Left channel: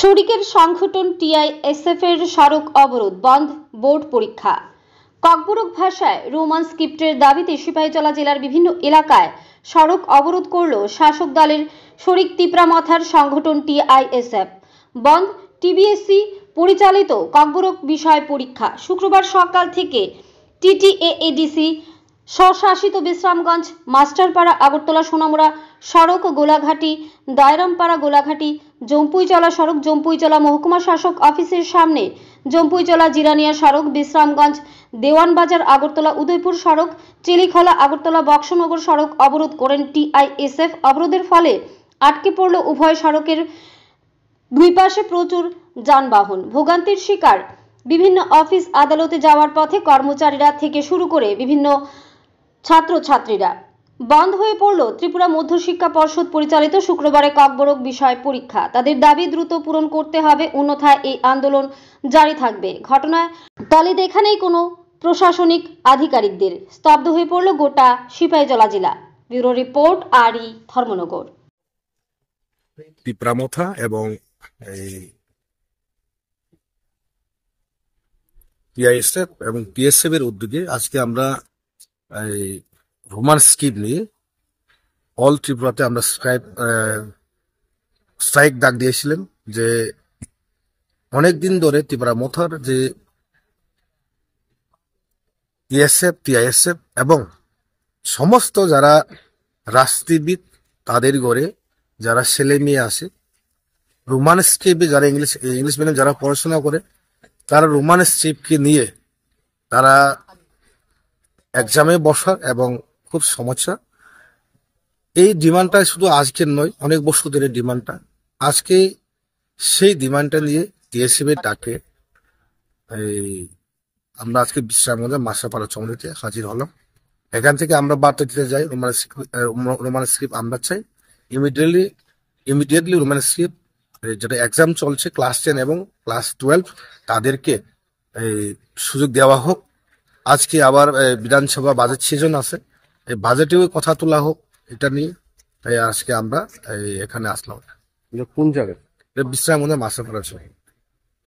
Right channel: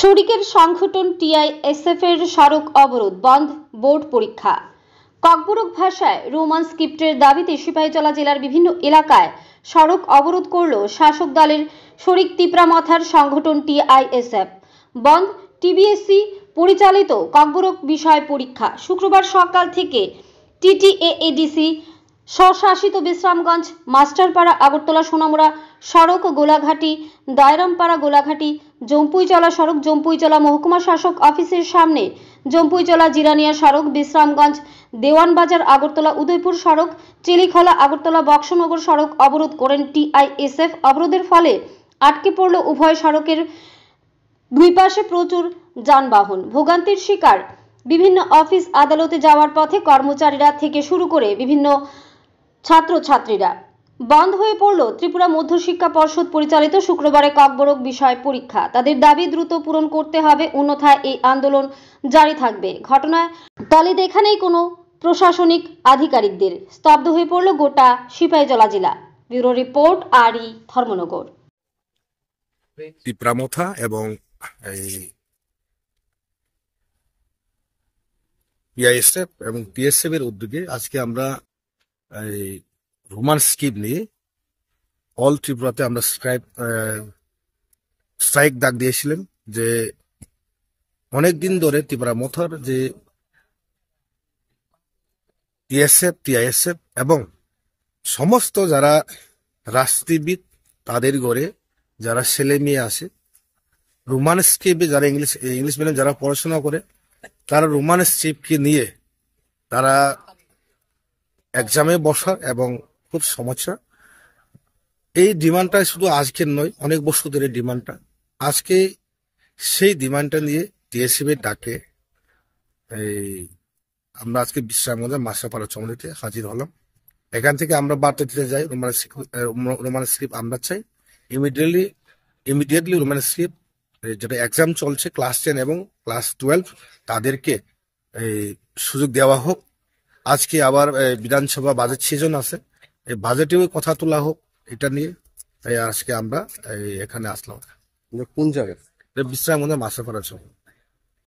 শরিকের সংগঠন টিআইএসএফ এর সড়ক অবরোধ বন্ধ, বোর্ড পরীক্ষা। ককবরক ভাষায় রোমান স্ক্রিপ্টের দাবিতে সিপাহীজলা জেলার বিভিন্ন এলাকায় সড়ক অবরোধ করল শাসক দলের শরিক তিপ্রামথার সংগঠন টিআইএসএফ। বন্ধ টিবিএসসি পরিচালিত ককবরক বিষয় পরীক্ষা। শুক্রবার সকাল থেকে টিটিএএডিসি স্বশাসিত বিশ্রামগঞ্জ, মাস্টারপাড়া, আগরতলা সোনামুড়া সড়ক, গোলাঘাটি, দয়রামপাড়া, গোলাঘাটি, জম্পুইজলা সড়ক, জম্পুইজলা মহকুমা শাসক অফিসের সামনে, জম্পুইজলা জিরানিয়া সড়ক, বিশ্রামগঞ্জ, দেওয়ানবাজার, আগরতলা উদয়পুর সড়ক, চিলিখোলা, আগরতলা বক্সনগর সড়ক অবরোধ করেন টিআইএসএফ। অবরোধের ফলে আটকে পড়ল উভয় সড়কের দুই পাশে প্রচুর যানবাহন। ভোগান্তির শিকার বিভিন্ন অফিস আদালতে যাওয়ার পথে কর্মচারীরা থেকে শুরু করে বিভিন্ন ছাত্রছাত্রীরা। বন্ধ হয়ে পড়ল ত্রিপুরা মধ্যশিক্ষা পর্ষদ পরিচালিত শুক্রবারে ককবরক বিষয় পরীক্ষা। তাদের দাবি দ্রুত পূরণ করতে হবে, অন্যথায় এই আন্দোলন জারি থাকবে। ঘটনায় তালিদ এখানেই কোনো প্রশাসনিক আধিকারিকদের। স্তব্ধ হয়ে পড়ল গোটা সিপাহীজলা জেলা। ব্যুরো রিপোর্ট, আরই, ধর্মনগর। তিপ্রামথা এবং টিআইএসএফ এবং টিএসএফ এর উদ্যোগে আজকে আমরা রোমান স্কিপ নিয়ে অল ত্রিপুরাতে আমরা স্ট্রাইক ডাক দিয়েছিলাম যে অনেকদিন ধরে তিপ্রামথার যে টিএসএফ, টিআইএসএফ এবং সমস্ত যারা রাজনীতিবিদ তাদের ঘরে যারা ছেলে মেয়ে আসে, রোমান স্ক্রিপ্টে যারা ইংলিশ মিডিয়াম যারা পড়াশোনা করে, তারা রোমান স্ক্রিপ্টকে নিয়ে তারা এক্সামে বসা এবং খুব সমস্যা। এই ডিমান্ডটা শুধু আজকের নয়, অনেক বছর ধরে ডিমান্ডটা। আজকে সেই ডিমান্ডটা নিয়ে টিএসএফ এর ডাকে আমরা আজকে বিশ্রামগঞ্জ মাসাপাড়া চৌমুড়িতে হাজির হলাম। এখান থেকে আমরা বার্তা দিতে যাই রোমান স্ক্রিপ্ট আমরা চাই ইমিডিয়েটলি রোমান স্ক্রিপ্ট যেটা এক্সাম চলছে ক্লাস 10 এবং ক্লাস 12 তাদেরকে সুযোগ দেওয়া হোক। আজকে আবার বিধানসভা বাজেট সিজন আছে, এই বাজেটেও কথা তোলা হোক এটা নিয়ে। তাই আজকে আমরা এখানে আসলাম। কোন জায়গায়? বিশ্রামগঞ্জ মাসাপাড়া চৌমুড়ি।